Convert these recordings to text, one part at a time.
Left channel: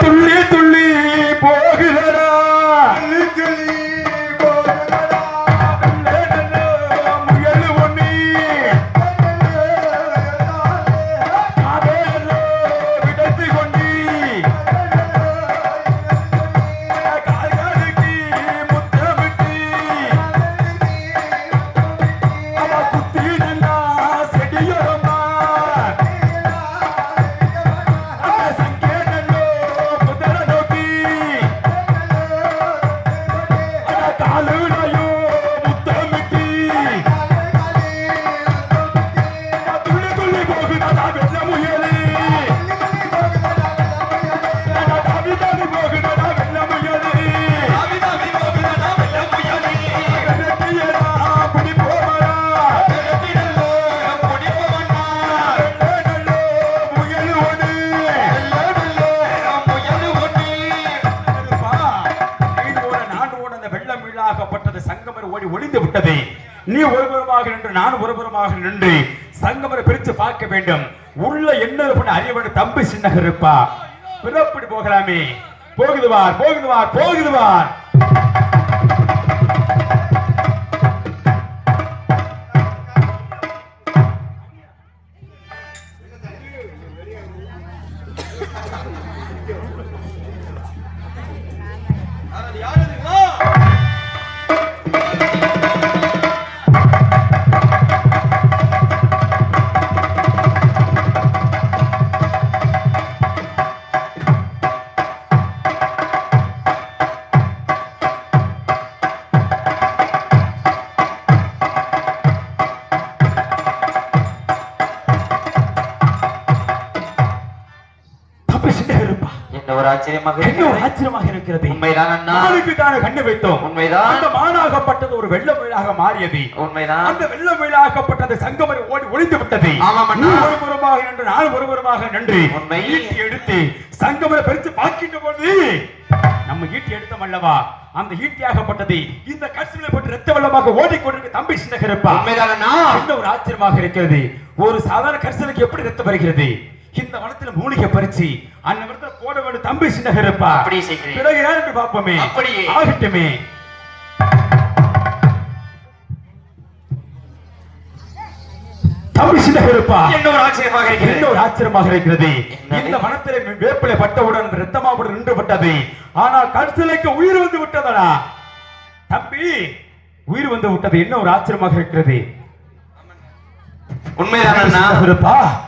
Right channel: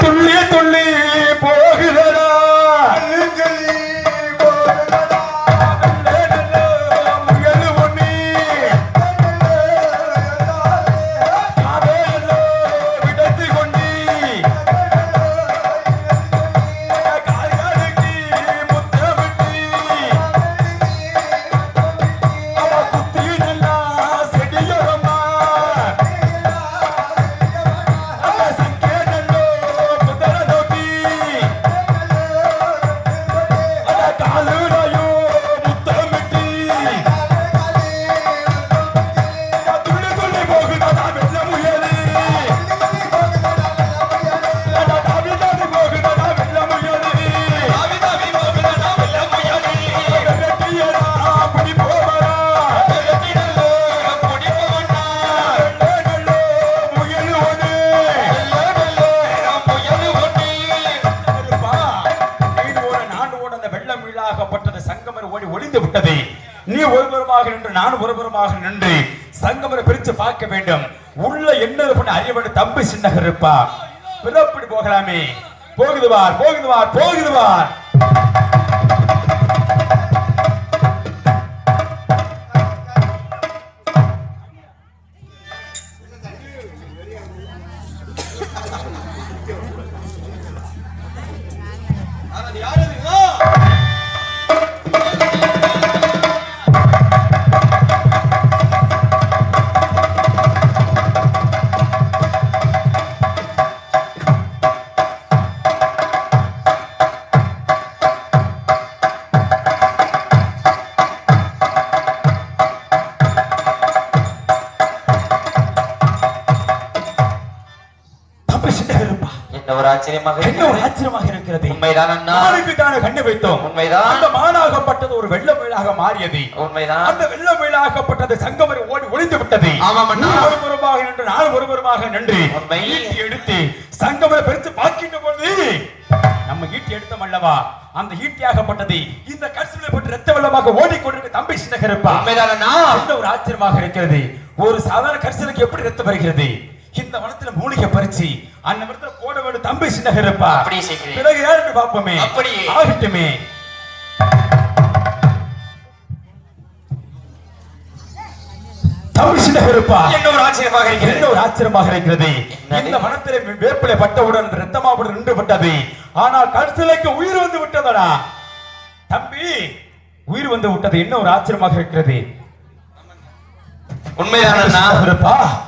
துள்ளி ஆச்சரியமாக ஆச்சரியமாக இருக்கிறது? உண்மைதான் அண்ணா தானே கண்ணு வைத்தோம். உண்மைதான். அந்த மானாகப்பட்டது ஒரு வெள்ள மயிலாக மாறியது. உண்மைதான். அந்த வெள்ள மயிலாகப்பட்டது சங்கமரை ஓடி ஒளிந்து விட்டது. ஆமாம் அண்ணா. ஒருபுறமாக நின்று நான் ஒருபுறமாக நின்று உண்மை. ஈட்டி எடுத்து சங்கமரை பறித்து பார்க்கின்ற பொழுது நம்ம ஈட்டி எடுத்தோம் அல்லவா? அந்த ஈட்டியாகப்பட்டது இந்த கட்சிகளை பற்றி ரத்த வெள்ளமாக ஓடிக்கொண்டிருக்க தம்பி சின்னகரப்பா. உண்மைதான் ஒரு ஆச்சரியமாக இருக்கிறது? ஒரு சாதாரண கரிசலுக்கு எப்படி ரத்தம் வருகிறது? இந்த வனத்துல மூலிகை பறிச்சு அந்த இடத்துல போட வேண்டும் தம்பி அப்படியே செய்கிறேன். பிறகு யாருக்கு பார்ப்போமே. அப்படியே. ஆகட்டுமே. தம்பி சின்னகரப்பா. என்ன ஒரு ஆச்சரியமாக என்ன இருக்கிறது ஒரு ஆச்சரியமாக இருக்கிறது? இந்த வனத்திலே வேப்பிலை பட்டவுடன் ரத்தமாவுடன் நின்று விட்டது. ஆனால் கருத்திலைக்கு உயிர் வந்து விட்டதடா. தம்பி உயிர் வந்து விட்டது. என்ன ஒரு ஆச்சரியமாக இருக்கிறது? அண்ணா சின்னகருப்பா.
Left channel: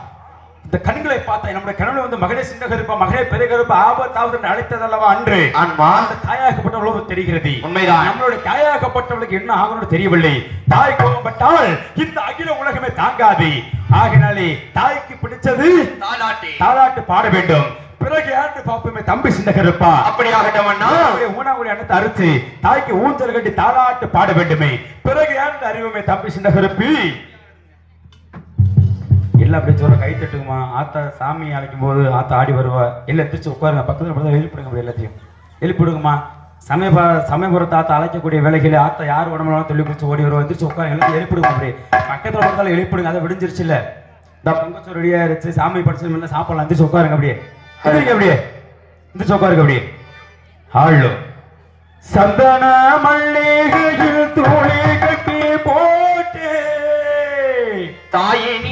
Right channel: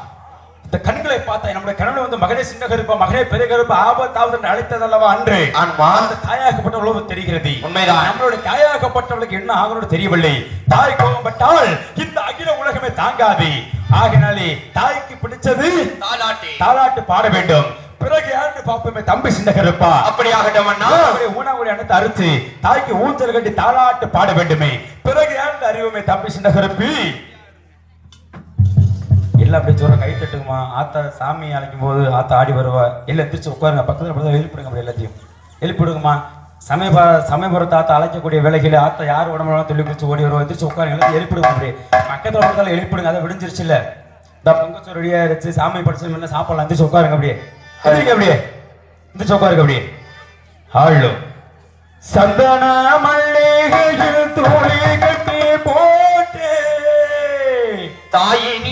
இந்த கண்களை பார்த்தா நம்முடைய கணவன் வந்து மகனே சின்னகருப்பா மகனே பெருகருப்பா ஆபத்தாவது அழைத்ததல்லவா அன்று. அந்த தாயாகப்பட்டவளுக்கு தெரிகிறது. உண்மைதான். நம்மளுடைய தாயாகப்பட்டவளுக்கு என்ன ஆகணும் தெரியவில்லை. தாய் கோபப்பட்டால் இந்த அகில உலகமே தாங்காது. ஆகினாலே தாய்க்கு பிடிச்சது தாலாட்டி. தாலாட்டு பாட வேண்டும். பிறகு யாருக்கு பார்ப்போமே தம்பி சின்னகருப்பா அப்படியாகட்டும் அண்ணா. ஊனாவுடைய அனைத்து அறுத்து தாய்க்கு ஊஞ்சல் கட்டி தாலாட்டு பாட வேண்டுமே. பிறகு யாருக்கு அறிவுமே தம்பி சின்னகருப்பி இல்லை அப்படி சொல்ற கை தட்டுங்கம்மா. ஆத்தா சாமி அழைக்கும் போது ஆத்தா ஆடி வருவா. இல்லை திருச்சி உட்காருங்க. பக்கத்துல பக்கத்தில் எழுப்பிடுங்க எல்லாத்தையும். எழுப்பிடுங்கம்மா சமயபுர சமயபுரத்தை ஆத்தா அழைக்கக்கூடிய வேலைகளை ஆத்தா யார் உடம்புலாம் தொழில் பிடிச்சி ஓடி வருவா. திருச்சி உட்காரு எல்லாத்தையும் எழுப்பிடுங்க அப்படி. பக்கத்தில் பக்கத்துல எழுப்பிடுங்க அதை விடிஞ்சிருச்சு இல்லை இந்த பொங்கச்சோறு ரெடியா இருந்துச்சு சாமி படிச்சு சாப்பாடு எந்திரிச்சு உட்காருங்க அப்படியே. எந்திரிங்க அப்படியே. எந்திரிச்சு உட்காருங்க அப்படியே. ஆளு. சந்தன மல்லிகையில் தூளி கட்டி போட்டு தாயினி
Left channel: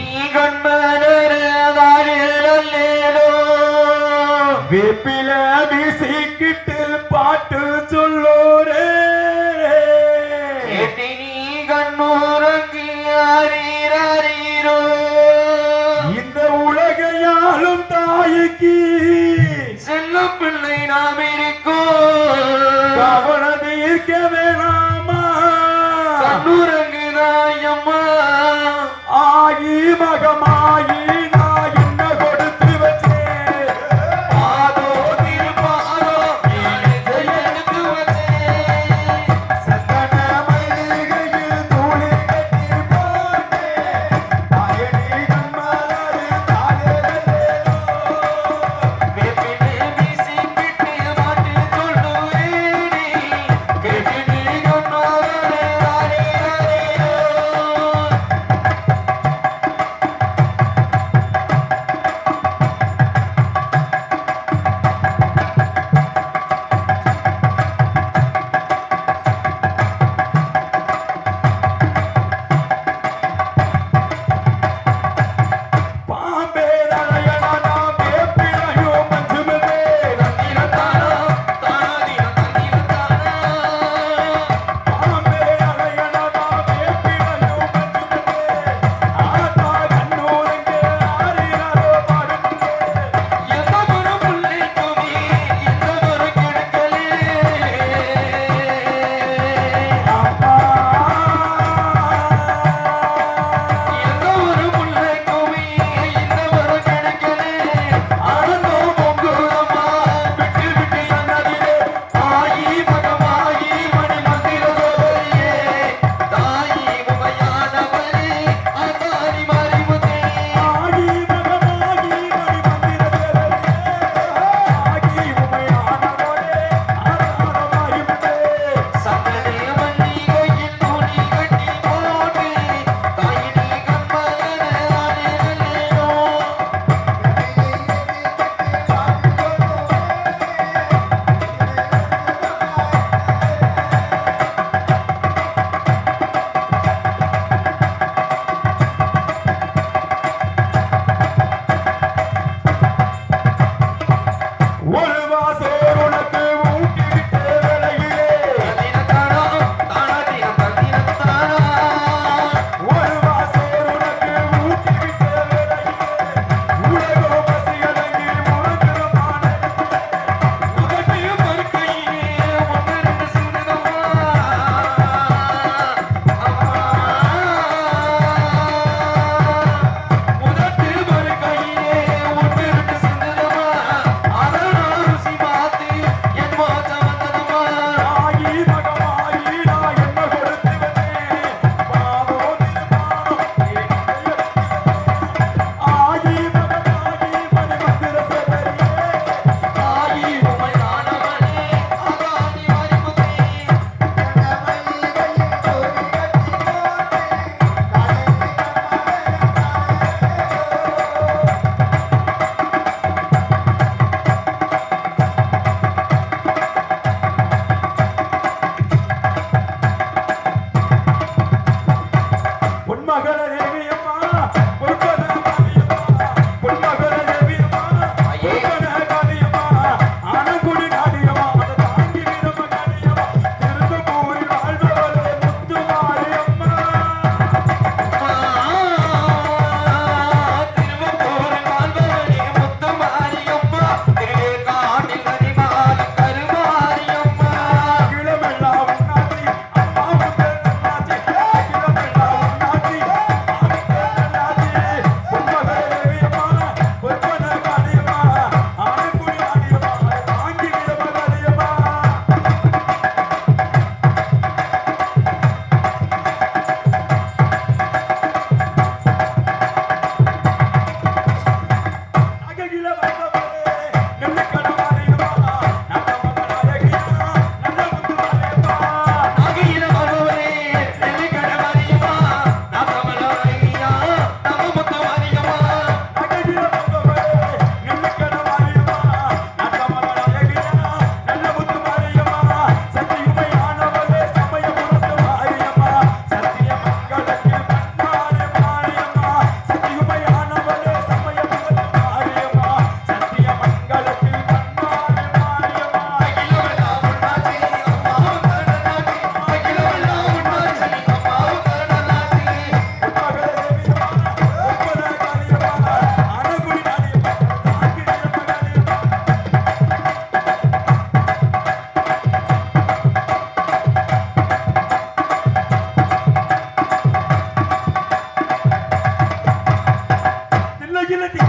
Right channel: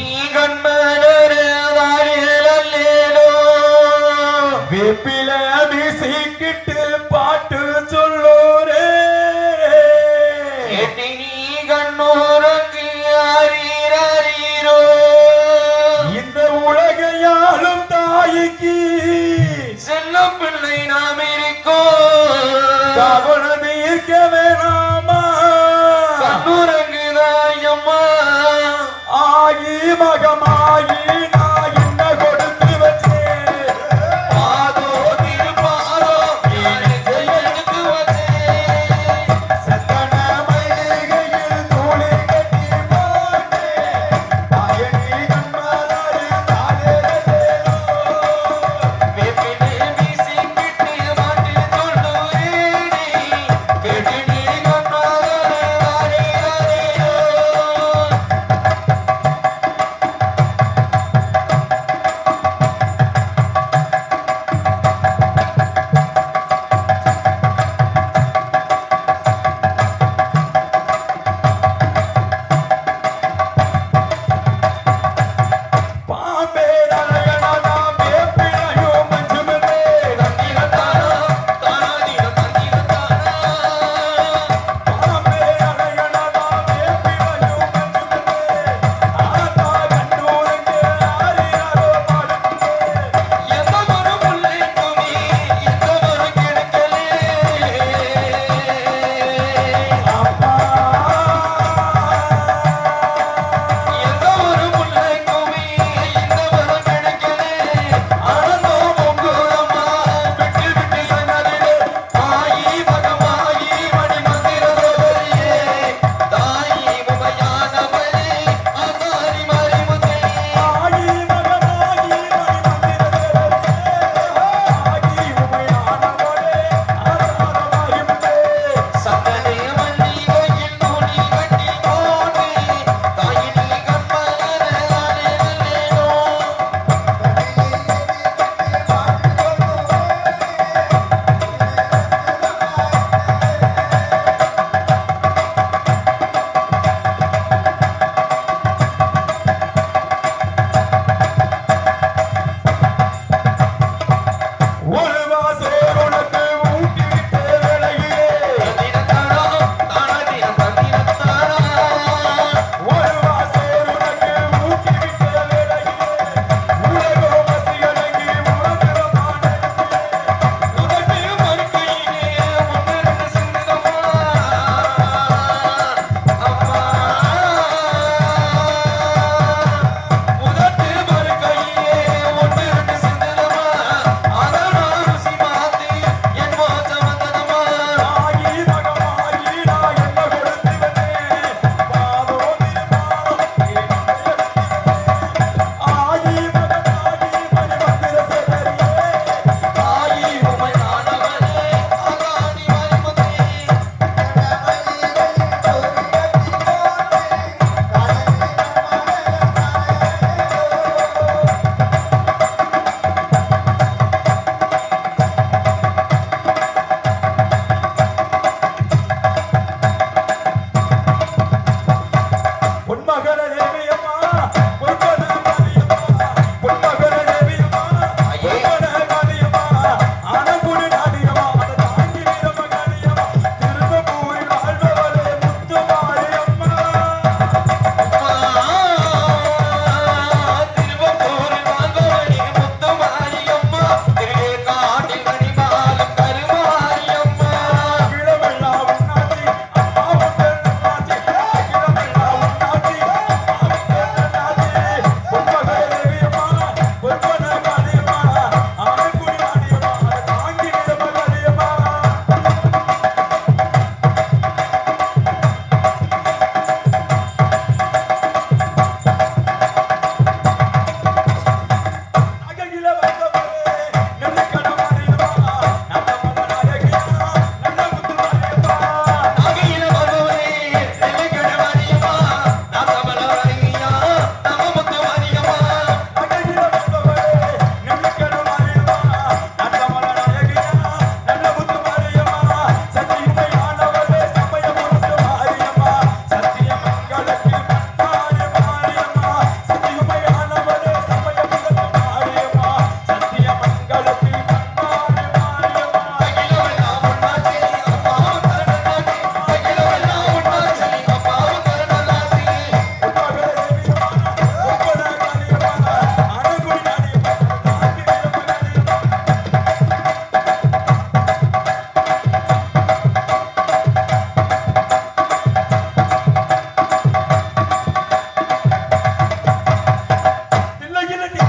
virginity.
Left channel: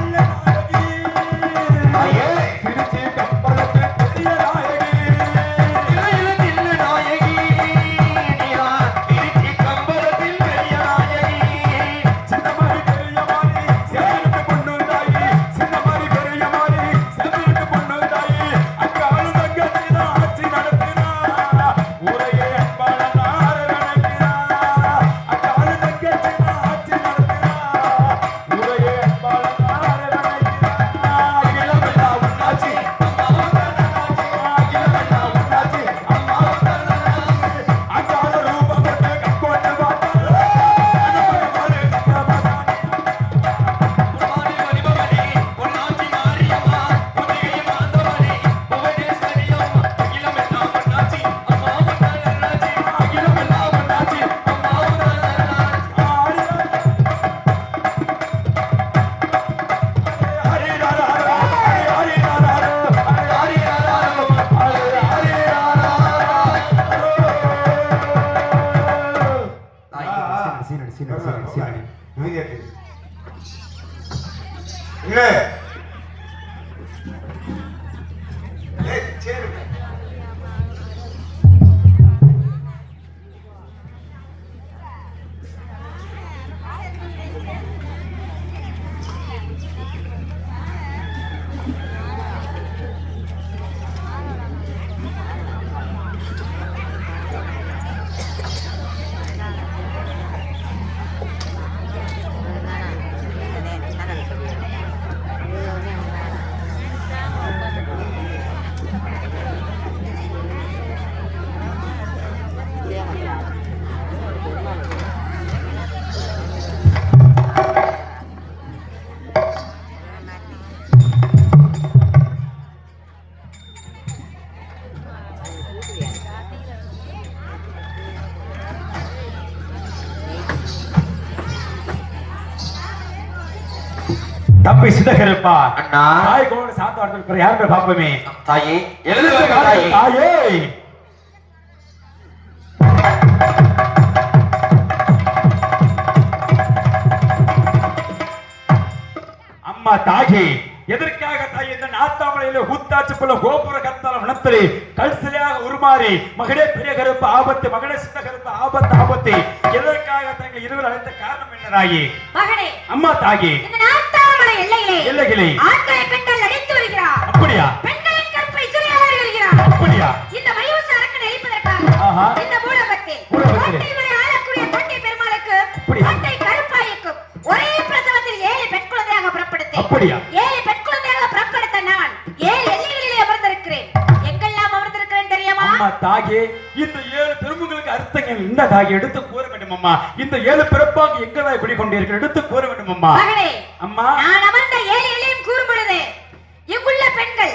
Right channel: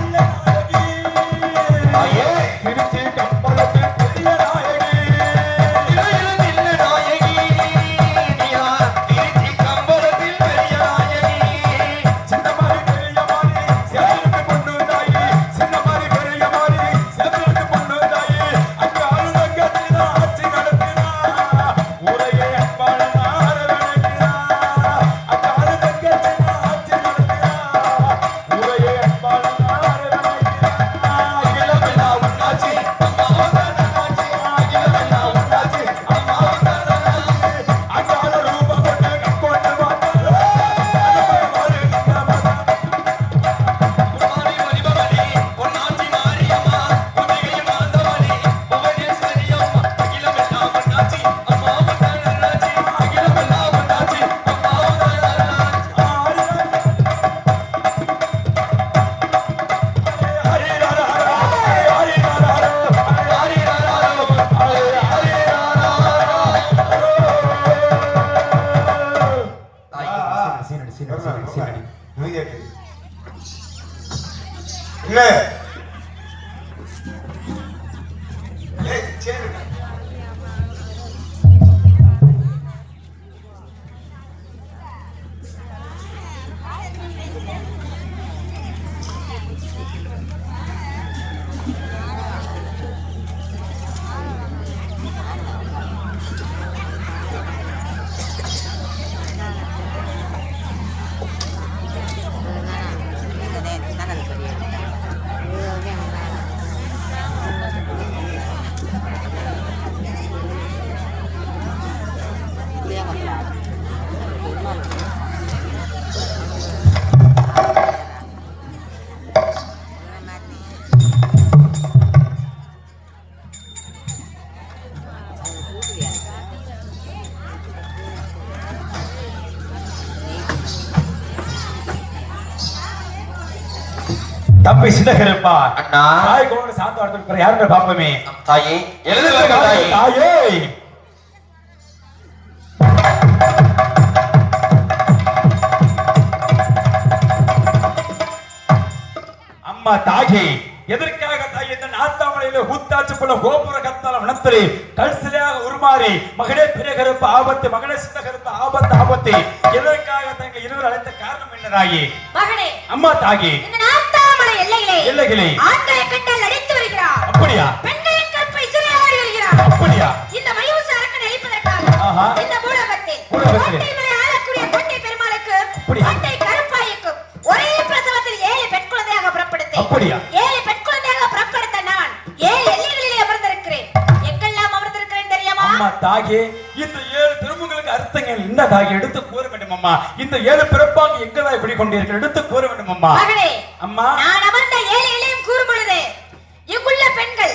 அண்ணா தாய் கூட சாத்த வரதுக்கு யாருமே பாப்போமே தாயே எழுந்து வருக தாயே. தாயே. அம்மா தாயே எதற்காக தாய் இந்த நாத்தாமலையில ஊத்தாச்சுக்குள்ள கோபுர கத்தால வனத்திலே கல்சிலையாக உருமாறி மகனே பெரிய கருப்பு ஆபத்து மகனே சின்ன கருப்பு ஆபத்து ஆபத்து. எதற்காக தங்க இருவர் அழைத்த காரணம் என்ன தாயே? அம்மா தாயே. இந்த நாத்தாமலை எல்லையிலே. எல்லைகளே ஆண்களை பெண்கள் அடித்து வருகிறார். அப்படியா? பெண்களின் கற்பை சிறையாடி வருகிறார் அப்படியா? இந்த மயூச அரக்கனை அழிப்பதற்காக ஆஹா. இந்த பூலகத்தில் பூலகத்தில். கோட்டைகளை ஆளக்கூடிய கோட்டை பெருமாளுக்கு அப்படியா? கோட்டை கருப்பாய்க்கு ஒரே பிரசவத்தில் ஏழு பெண் குழந்தையாக புறப்படுத்தேன். அப்படியா? ஏழு பெண் குழந்தையாக புறப்படுத்த நான் ஏழு எல்லைகளிலே அமர்ந்திருக்கிறேன். எங்கெல்லாம் அமர்ந்திருக்கிறேன் தெரியுமா? அம்மா தாயே இந்த ஏழு திருமுகளுக்கு அர்த்தங்கள் என்ன எடுத்து கூற வேண்டும் அம்மா இந்த ஏழு பிறப்பாக எங்கதாய் குடிக்கொண்டீர்கள் எடுத்து கூற வேண்டும் அம்மா மகனே அம்மா நான் அமர்ந்த ஏழைகளையும் கூறும் பொழுது இங்குள்ள பெண்கள்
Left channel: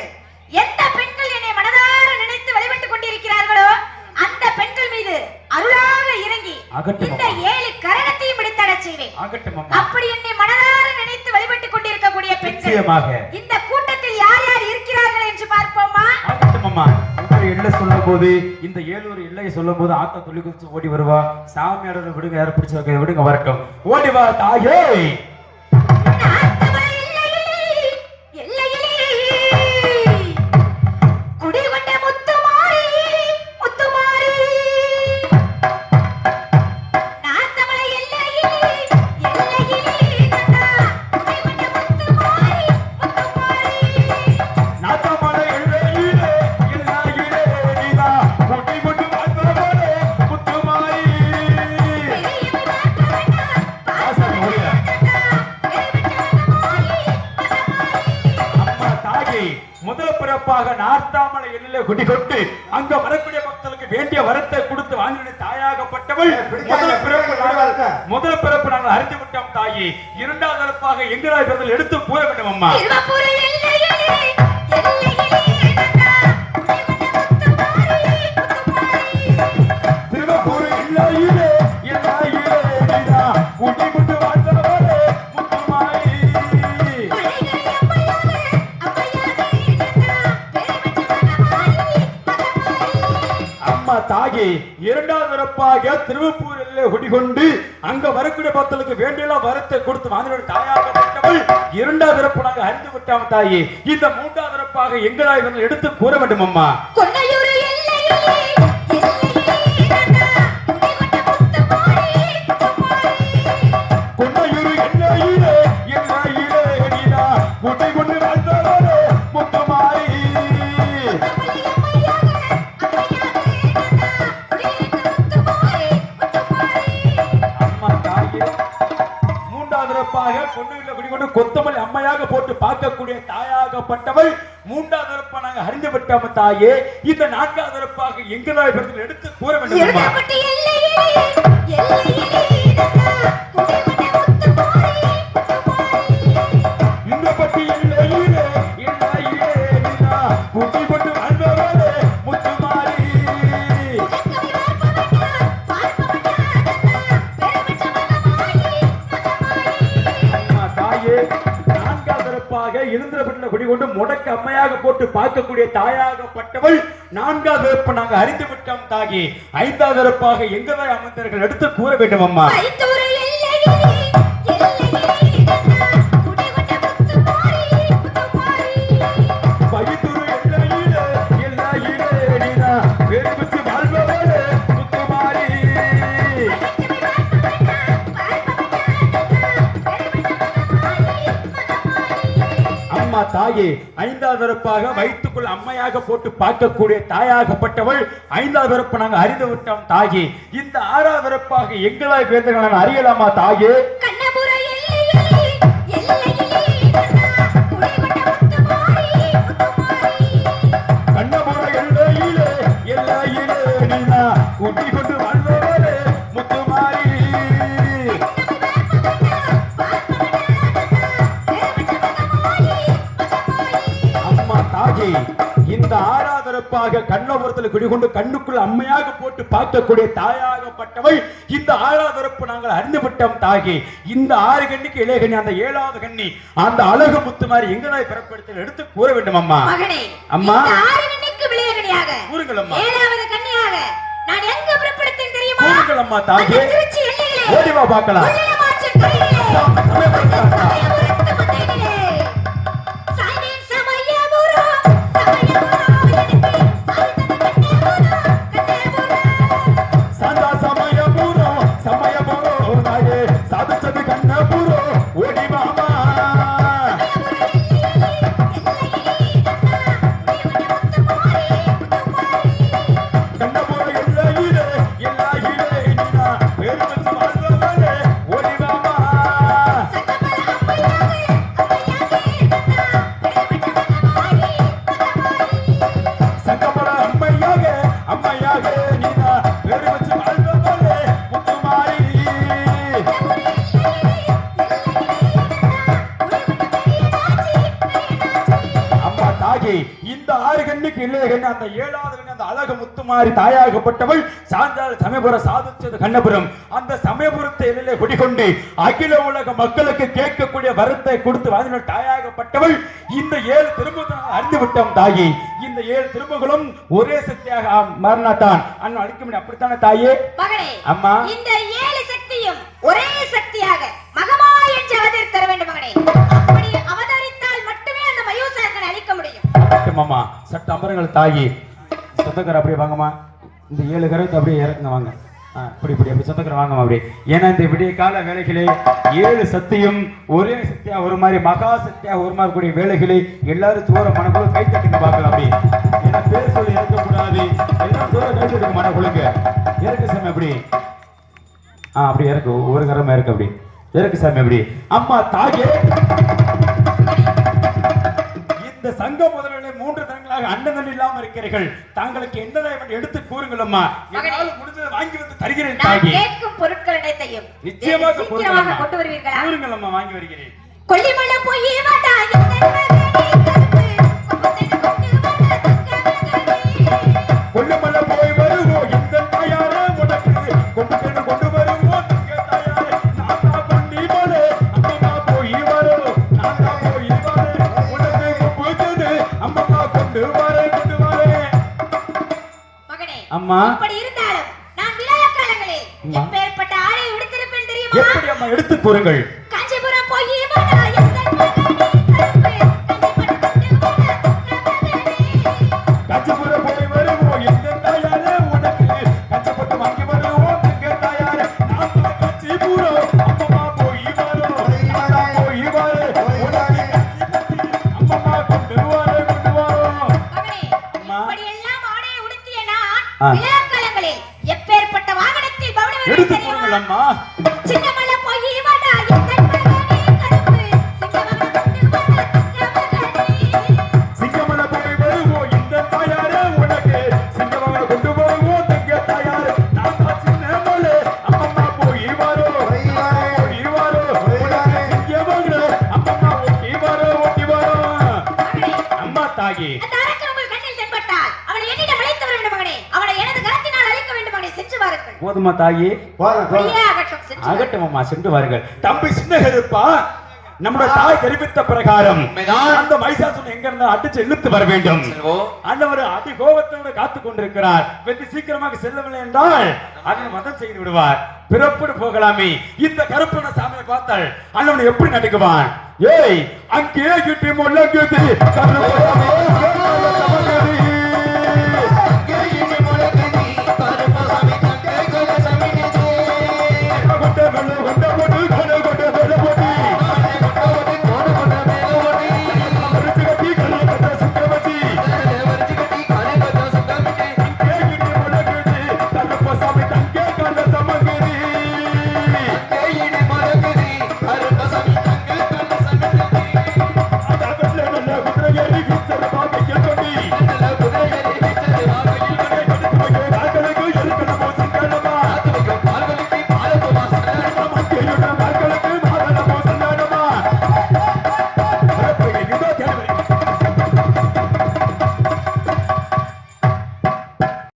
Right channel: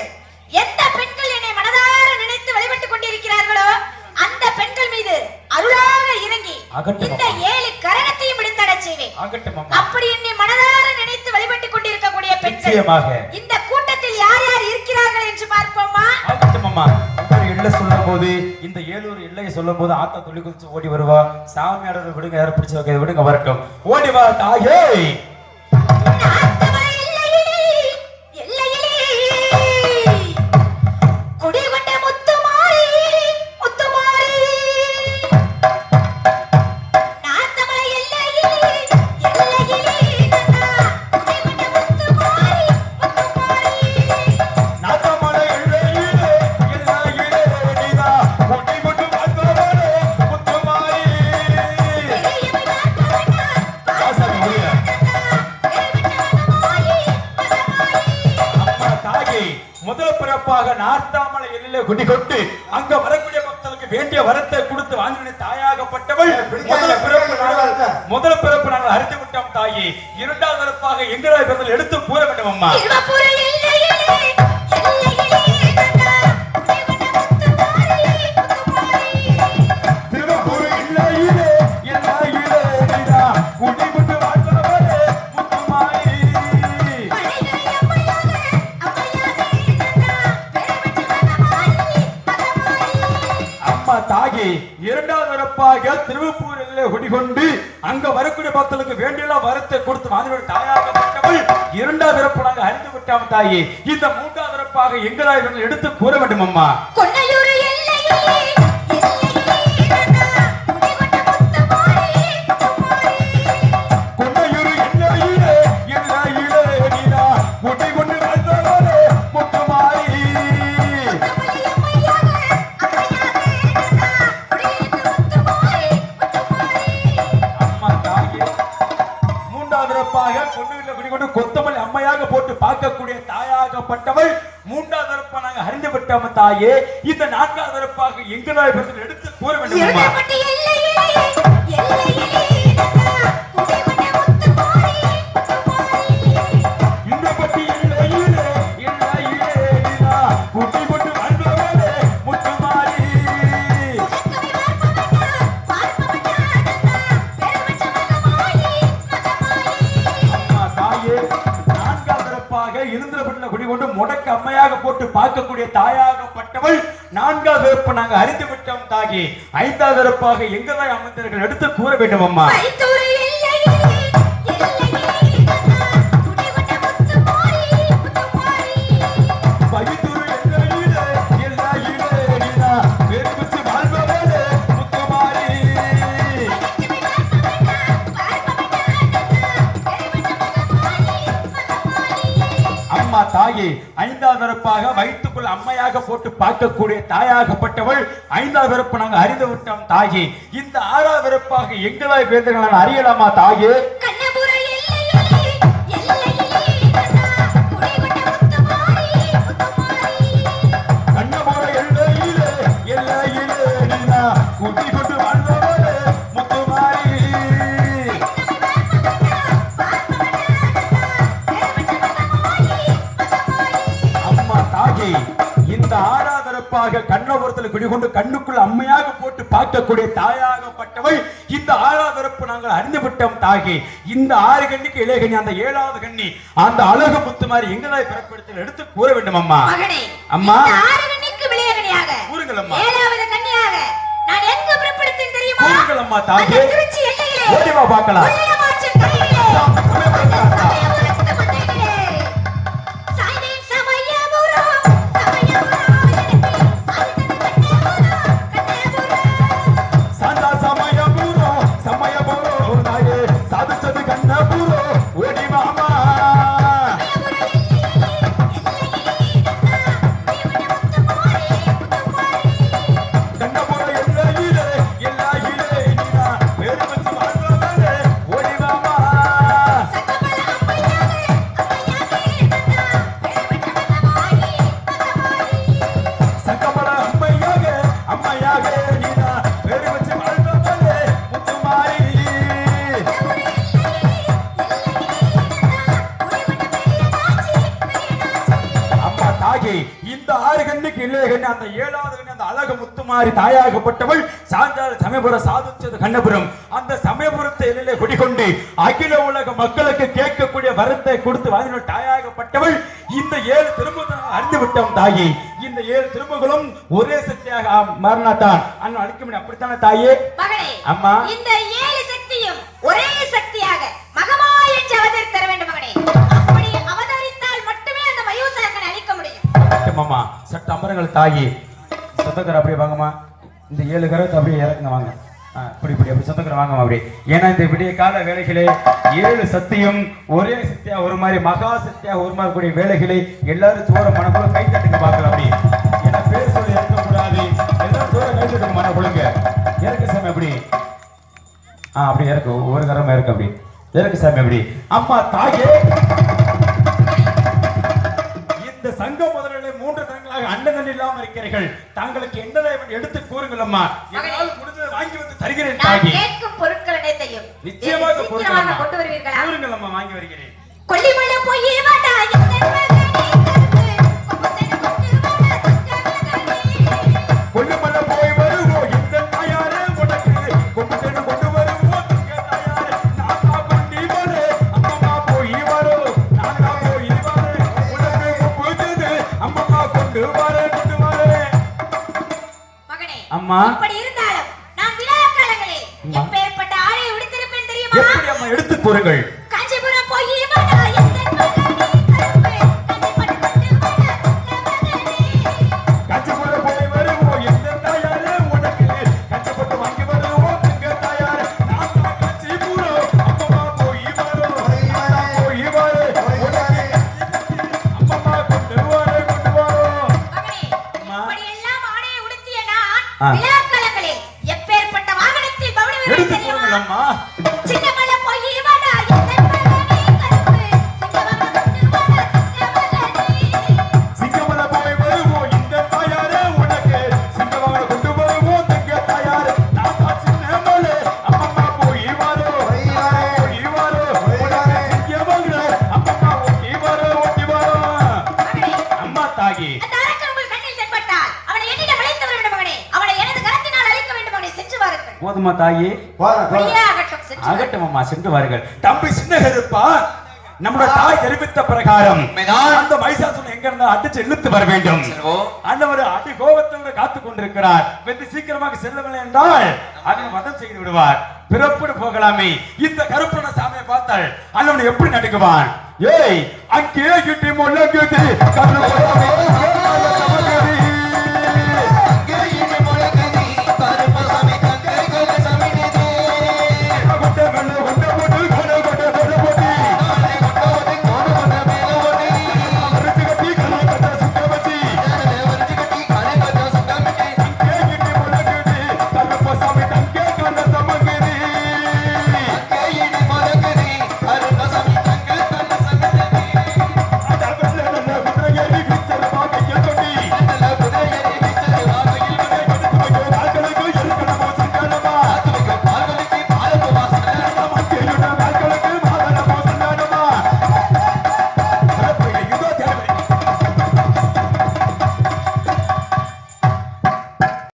எந்த பெண்கள் என்னை மனதார நினைத்து வழிபட்டுக் கொண்டிருக்கிறார்களோ அந்த பெண்கள் மீது அருளாக இறங்கி ஆகட்டும் இந்த அம்மா. ஏழு கரகத்தையும் பிடித்தடச் செய்வேன் ஆகட்டும் அம்மா அப்படி என்னை மனதார நினைத்து வழிபட்டுக் கொண்டிருக்கக்கூடிய பெண்கள் நிச்சயமாக. இந்த கூட்டத்தில் யார் யார் இருக்கிறார்கள் என்று பார்ப்போமா? அம்மா ஒவ்வொரு எல்லை சொல்லும் போது இந்த ஏழு எல்லையை சொல்லும் போது ஆத்தா துளி குதிச்சு ஓடி வருவா. சாமி ஆடுறத விடுங்க யாரும் பிடிச்சு விடுங்க வரட்டும். ஓடி வா தாயே! திருவப்பூரில் குடிகொண்டு அங்க வரக்கூடிய பக்தர்களுக்கு வேண்டிய வரத்தை கொடுத்து வாங்கின தாயாகப்பட்டவள் இரண்டாவது பிறப்பாக அறிந்து விட்டாம தாயே இந்த மூன்றாவது பிறப்பாக எங்களாய் எடுத்து கூற வேண்டும் அம்மா போட்டு பார்க்கக்கூடிய தாயாகப்பட்டவள் மூன்றாவது பிறப்பாக அறிந்து விட்டாம தாயே இந்த நான்காவது பிறப்பாக எங்களாய் பிறகு எடுத்து கூற வேண்டும் போட்டு பார்க்கக்கூடிய தாயாகப்பட்டவள் நான்காவது பிறப்பு நாங்கள் அறிந்து விட்டோம் தாகி ஐந்தாவது வெறுப்பாக எங்கதான் அமைந்தவர்கள் எடுத்து கூற வேண்டும் அம்மா பிறப்பாக வயிற்றுக்குள் அம்மையாக போட்டு பார்க்கக்கூடிய தாயாகப்பட்டவள் ஐந்தாவது பிறப்பு நாங்கள் அறிந்து விட்டோம் தாயே. இந்த ஆறாவது பிறப்பாக எங்களாய் பேர்ந்து அறியலாமா தாயே? குடிகொண்டு கண்ணுக்குள் அம்மையாக போட்டு பார்க்கக்கூடிய தாயாகப்பட்டவள் இந்த ஆறாதரப்பு நாங்கள் அறிந்து விட்டோம் தாகி. இந்த ஆறு கண்ணிக்கு இளையகண்ணி அந்த ஏழாவது கண்ணி அந்த அழகு முத்து மாதிரி எங்களை பிறப்படுத்த எடுத்து கூற வேண்டும் அம்மா. அம்மா. கூறுங்கள் அம்மா. ஏழாவது கன்னியாக நான் எங்க பிறப்படுத்தேன் தெரியுமா? கூறுங்கள் அம்மா தாகி. ஓடிவா பார்க்கலாம். அந்த ஏழாவது அந்த அழகு முத்துமாரி தாயாகப்பட்டவள் சாந்தாள் சமயபுர சாதிச்சது கண்ணபுரம். அந்த சமயபுரத்தை எதிலே குடிகொண்டு அகில உலக மக்களுக்கு கேட்கக்கூடிய வரத்தை கொடுத்து வாங்கின தாயாகப்பட்டவள் இந்த ஏழு திரும்பத்தை நாம் அறிந்து விட்டோம் தாயி. இந்த ஏழு திரும்பங்களும் ஒரே சக்தியாக மாறினாத்தான். அண்ணன் அழிக்க முடியும் அப்படித்தானே தாயே? அம்மா. இந்த ஏழு சக்தியும் ஒரே சக்தியாக சட்ட அமரங்கள் தாயி. சொந்தக்கார அப்படியே வாங்கம்மா. இந்த ஏழு கரத்தை அப்படியே இறக்குங்க வாங்க. இப்படி இப்படி அப்படி சொந்தக்கார வாங்கம்மா அப்படி ஏன்னா இந்த விடிய கால வேலைகளே ஏழு சக்தியும் ஒரே சக்தியா ஒரு மாதிரி மகா சக்தியா ஒரு மாதிரி கூடிய வேலைகளை எல்லாரும் தூர மனக்குள்ள கை தட்டுங்க பார்க்கலாம் அப்படி ஏன்னா பேர் சொல்லி இறக்கக்கூடாது. எல்லாரும் தூர கை தட்டுங்க மனக்குள்ளுங்க இறக்கு சாமி அப்படி ஆ அப்படி இறக்கு. ஒரு கரமா இருக்கு அப்படி இறக்கு சாமி அப்படி அம்மா தாயே. இந்த சங்க முதலிலே மூன்று தினங்களாக அண்ணன் இல்லாம இருக்கிறீர்கள். தாங்களுக்கு என்ன எடுத்து கூறுங்கள் அம்மா என்னால் முடிஞ்சதை வாங்கி வந்து தருகிறேன் தாகி கேட்கும் பொருட்கள் அனைத்தையும் நிச்சயமாக. கொண்டு வருவீர்களா? கூறுங்கள் அம்மா வாங்கி வருகிறேன். கொல்லிமலை போய் வேண்டா போதுமா தாயி. ஆகட்டும், அம்மா சென்று வாருங்கள். தம்பி சின்ன கருப்பா நம்முடைய தாய் தெரிவித்த பிரகாரம். அந்த மைசாசன் எங்க இருந்தா அடிச்சு இழுத்து வர வேண்டும். ஆண்டவர் அடி கோபத்தோடு காத்துக் கொண்டிருக்கிறார். வெற்றி சீக்கிரமாக செல்லவில்லை என்றால் அதனை வதம் செய்து விடுவார். பிறப்படு போகலாமே. இந்த கருப்பன சாமியை பார்த்தால் அண்ணன் எப்படி நடுக்குவான்? ஏய் அங்கே கிட்டி கருப்பனே